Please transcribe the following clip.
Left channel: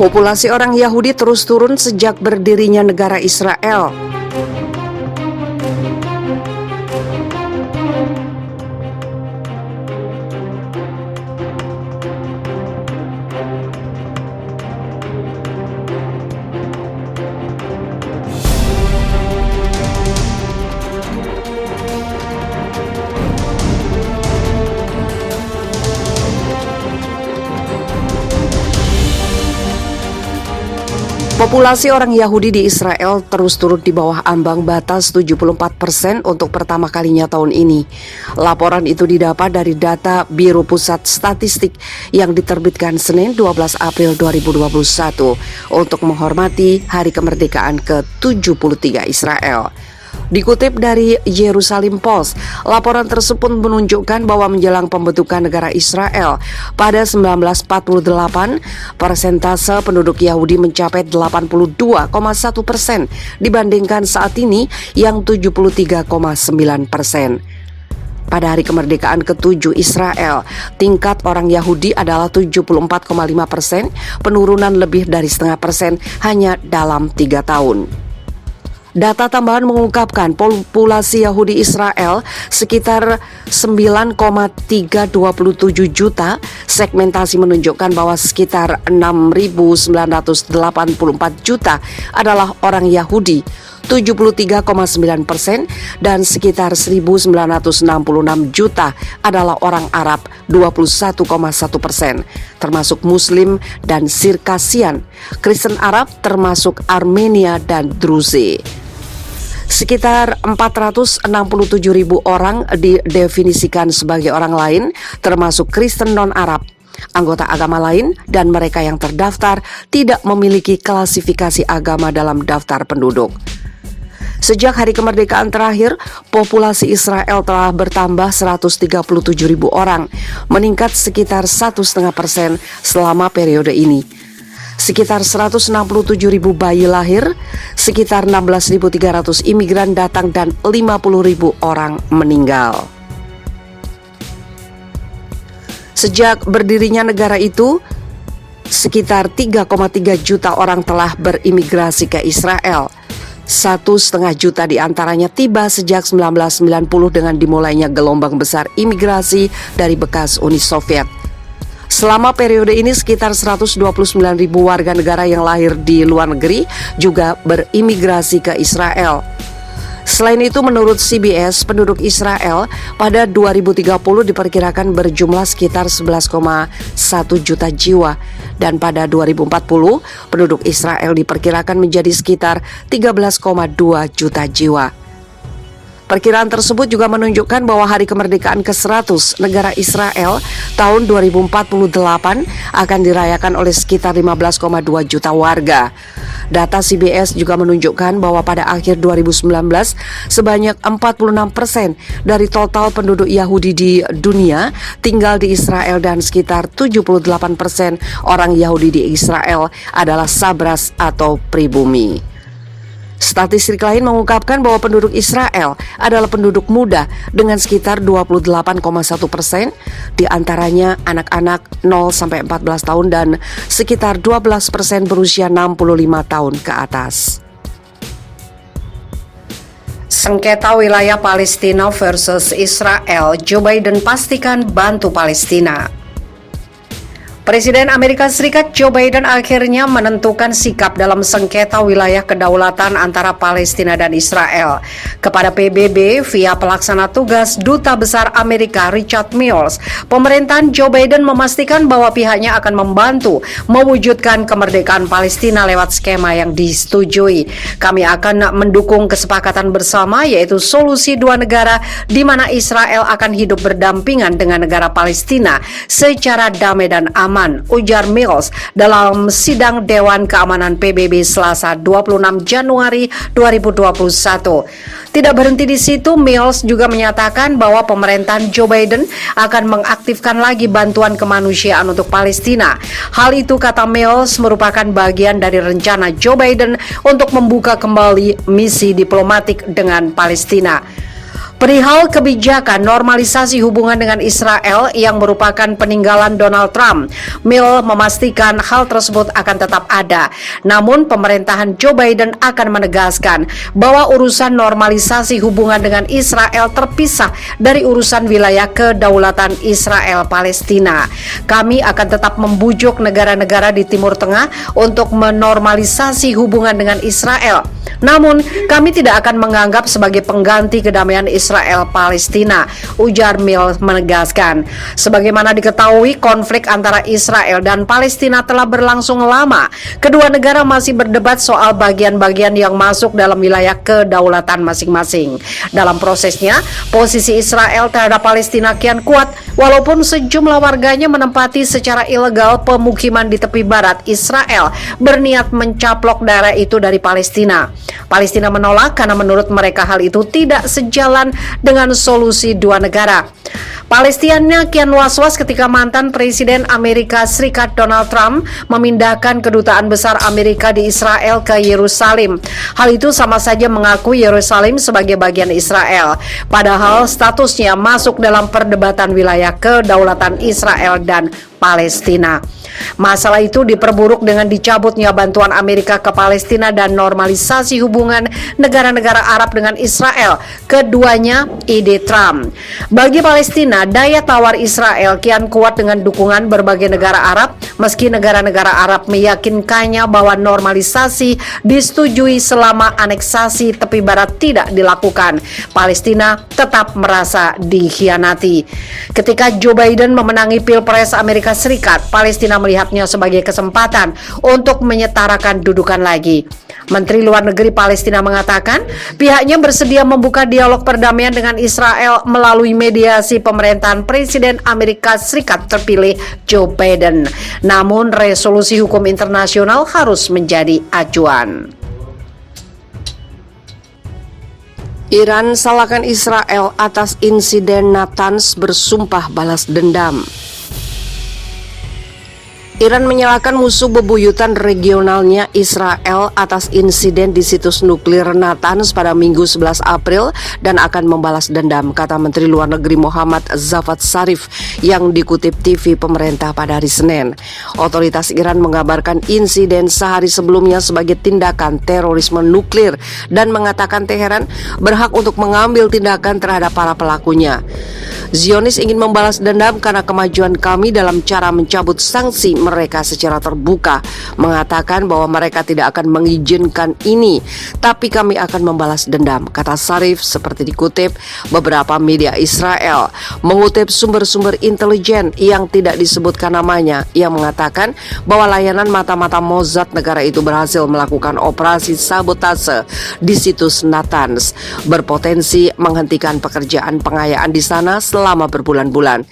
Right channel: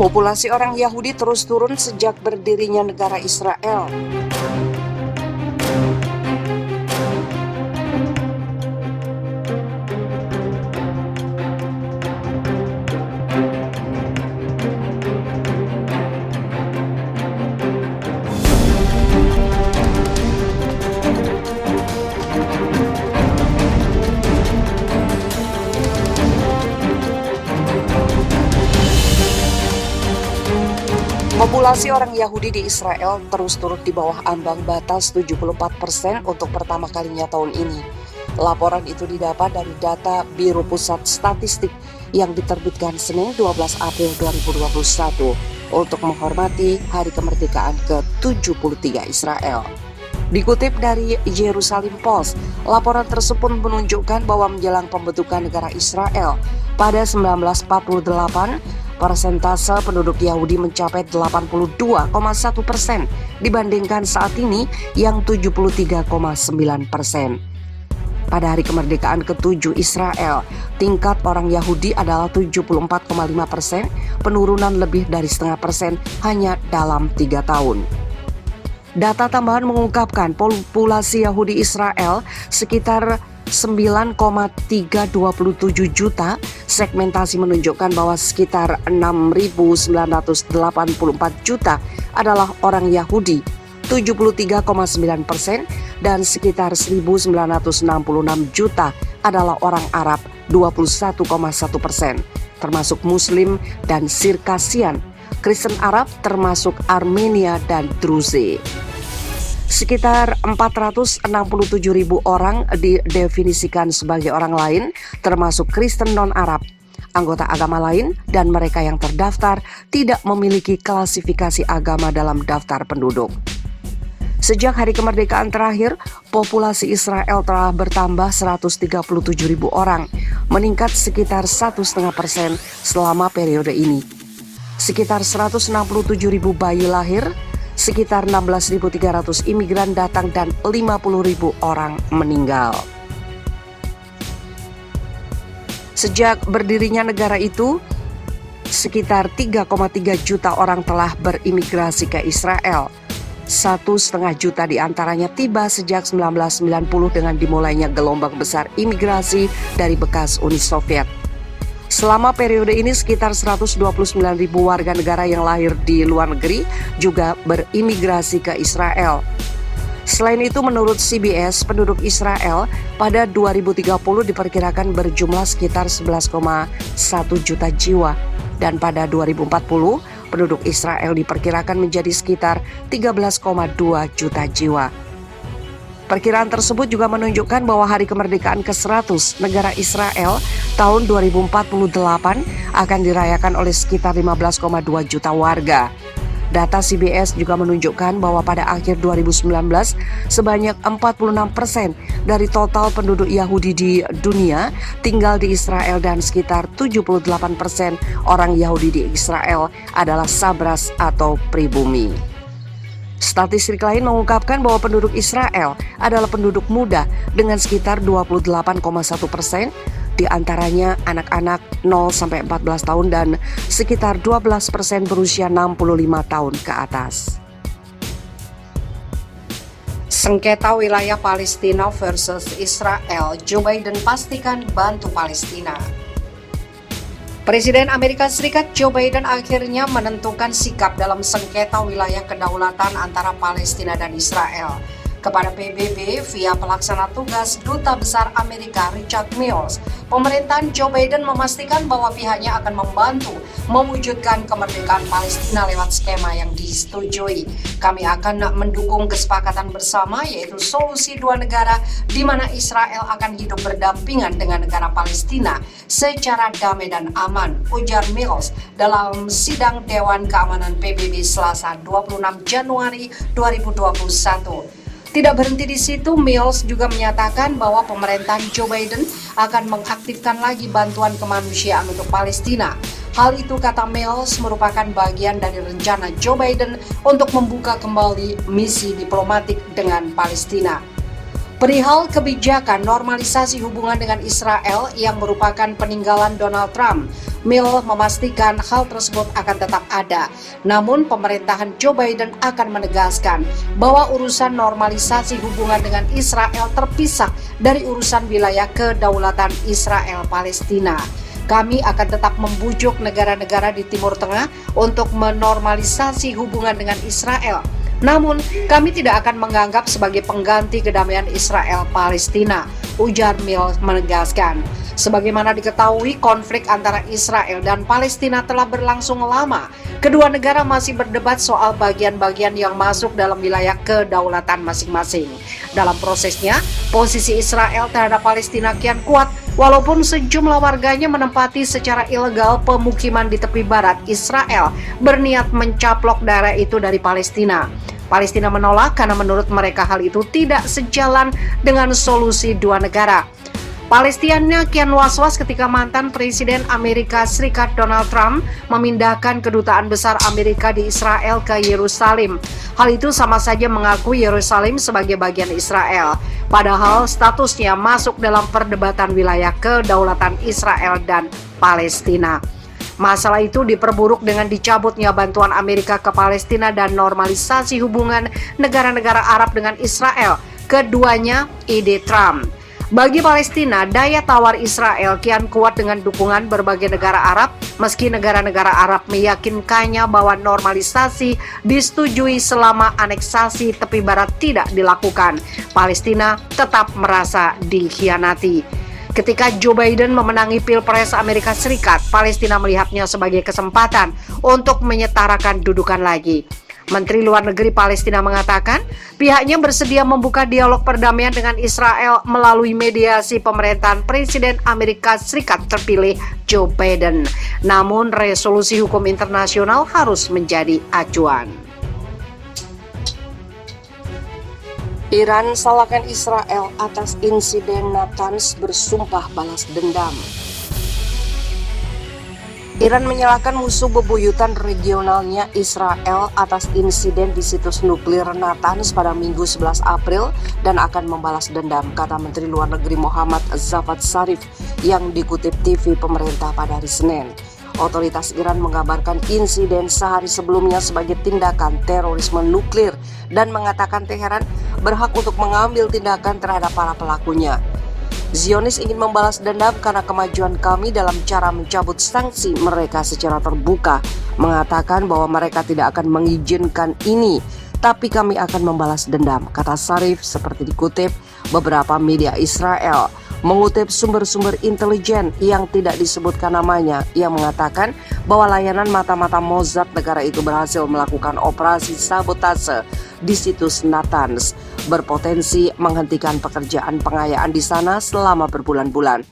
Populasi orang Yahudi terus turun sejak berdirinya negara Israel. Populasi orang Yahudi di Israel terus turun di bawah ambang batas 74% untuk pertama kalinya tahun ini. Laporan itu didapat dari data Biro Pusat Statistik yang diterbitkan Senin 12 April 2021 untuk menghormati Hari Kemerdekaan ke-73 Israel. Dikutip dari Jerusalem Post, laporan tersebut menunjukkan bahwa menjelang pembentukan negara Israel pada 1948, persentase penduduk Yahudi mencapai 82,1% dibandingkan saat ini yang 73,9%. Pada hari kemerdekaan ke-7 Israel, tingkat orang Yahudi adalah 74,5%, penurunan lebih dari 0,5% hanya dalam 3 tahun. Data tambahan mengungkapkan populasi Yahudi Israel sekitar 9,327 juta. Segmentasi menunjukkan bahwa sekitar 6.984 juta adalah orang Yahudi, 73,9%, dan sekitar 1.966 juta adalah orang Arab, 21,1%, termasuk Muslim dan Sirkasian, Kristen Arab termasuk Armenia dan Druze. Sekitar 467.000 orang didefinisikan sebagai orang lain, termasuk Kristen non-Arab, anggota agama lain, dan mereka yang terdaftar tidak memiliki klasifikasi agama dalam daftar penduduk. Sejak hari kemerdekaan terakhir, populasi Israel telah bertambah 137.000 orang, meningkat sekitar 1,5% selama periode ini. Sekitar 167.000 bayi lahir, sekitar 16.300 imigran datang, dan 50.000 orang meninggal. Sejak berdirinya negara itu, sekitar 3,3 juta orang telah berimigrasi ke Israel. 1,5 juta diantaranya tiba sejak 1990 dengan dimulainya gelombang besar imigrasi dari bekas Uni Soviet. Selama periode ini sekitar 129.000 warga negara yang lahir di luar negeri juga berimigrasi ke Israel. Selain itu, menurut CBS, penduduk Israel pada 2030 diperkirakan berjumlah sekitar 11,1 juta jiwa. Dan pada 2040, penduduk Israel diperkirakan menjadi sekitar 13,2 juta jiwa. Perkiraan tersebut juga menunjukkan bahwa hari kemerdekaan ke-100 negara Israel tahun 2048 akan dirayakan oleh sekitar 15,2 juta warga. Data CBS juga menunjukkan bahwa pada akhir 2019, sebanyak 46% dari total penduduk Yahudi di dunia tinggal di Israel, dan sekitar 78% orang Yahudi di Israel adalah Sabras atau pribumi. Statistik lain mengungkapkan bahwa penduduk Israel adalah penduduk muda dengan sekitar 28,1%, di antaranya anak-anak 0-14 tahun dan sekitar 12% berusia 65 tahun ke atas. Sengketa wilayah Palestina versus Israel, Joe Biden pastikan bantu Palestina. Presiden Amerika Serikat Joe Biden akhirnya menentukan sikap dalam sengketa wilayah kedaulatan antara Palestina dan Israel. Kepada PBB via pelaksana tugas Duta Besar Amerika Richard Mills, pemerintahan Joe Biden memastikan bahwa pihaknya akan membantu mewujudkan kemerdekaan Palestina lewat skema yang disetujui. Kami akan mendukung kesepakatan bersama, yaitu solusi dua negara di mana Israel akan hidup berdampingan dengan negara Palestina secara damai dan aman, ujar Mills dalam sidang Dewan Keamanan PBB Selasa 26 Januari 2021. Tidak berhenti di situ, Mills juga menyatakan bahwa pemerintahan Joe Biden akan mengaktifkan lagi bantuan kemanusiaan untuk Palestina. Hal itu, kata Mills, merupakan bagian dari rencana Joe Biden untuk membuka kembali misi diplomatik dengan Palestina. Perihal kebijakan normalisasi hubungan dengan Israel yang merupakan peninggalan Donald Trump, Mill memastikan hal tersebut akan tetap ada. Namun pemerintahan Joe Biden akan menegaskan bahwa urusan normalisasi hubungan dengan Israel terpisah dari urusan wilayah kedaulatan Israel Palestina. Kami akan tetap membujuk negara-negara di Timur Tengah untuk menormalisasi hubungan dengan Israel. Namun, kami tidak akan menganggap sebagai pengganti kedamaian Israel-Palestina, ujar Mill menegaskan. Sebagaimana diketahui, konflik antara Israel dan Palestina telah berlangsung lama. Kedua negara masih berdebat soal bagian-bagian yang masuk dalam wilayah kedaulatan masing-masing. Dalam prosesnya, posisi Israel terhadap Palestina kian kuat, walaupun sejumlah warganya menempati secara ilegal pemukiman di tepi barat Israel, berniat mencaplok daerah itu dari Palestina. Palestina menolak karena menurut mereka hal itu tidak sejalan dengan solusi dua negara. Palestina kian was-was ketika mantan Presiden Amerika Serikat Donald Trump memindahkan kedutaan besar Amerika di Israel ke Yerusalem. Hal itu sama saja mengaku Yerusalem sebagai bagian Israel, padahal statusnya masuk dalam perdebatan wilayah kedaulatan Israel dan Palestina. Masalah itu diperburuk dengan dicabutnya bantuan Amerika ke Palestina dan normalisasi hubungan negara-negara Arab dengan Israel. Keduanya ide Trump. Bagi Palestina, daya tawar Israel kian kuat dengan dukungan berbagai negara Arab, meski negara-negara Arab meyakinkannya bahwa normalisasi disetujui selama aneksasi tepi barat tidak dilakukan. Palestina tetap merasa dikhianati. Ketika Joe Biden memenangi Pilpres Amerika Serikat, Palestina melihatnya sebagai kesempatan untuk menyetarakan dudukan lagi. Menteri Luar Negeri Palestina mengatakan pihaknya bersedia membuka dialog perdamaian dengan Israel melalui mediasi pemerintahan Presiden Amerika Serikat terpilih Joe Biden. Namun resolusi hukum internasional harus menjadi acuan. Iran salahkan Israel atas insiden Natanz, bersumpah balas dendam. Iran menyalahkan musuh bebuyutan regionalnya Israel atas insiden di situs nuklir Natanz pada Minggu 11 April dan akan membalas dendam, kata Menteri Luar Negeri Muhammad Javad Zarif yang dikutip TV pemerintah pada hari Senin. Otoritas Iran mengabarkan insiden sehari sebelumnya sebagai tindakan terorisme nuklir dan mengatakan Teheran berhak untuk mengambil tindakan terhadap para pelakunya. Zionis ingin membalas dendam karena kemajuan kami dalam cara mencabut sanksi mereka secara terbuka, mengatakan bahwa mereka tidak akan mengizinkan ini, tapi kami akan membalas dendam, kata Zarif seperti dikutip beberapa media Israel. Mengutip sumber-sumber intelijen yang tidak disebutkan namanya, yang mengatakan bahwa layanan mata-mata Mossad negara itu berhasil melakukan operasi sabotase di situs Natanz, berpotensi menghentikan pekerjaan pengayaan di sana selama berbulan-bulan.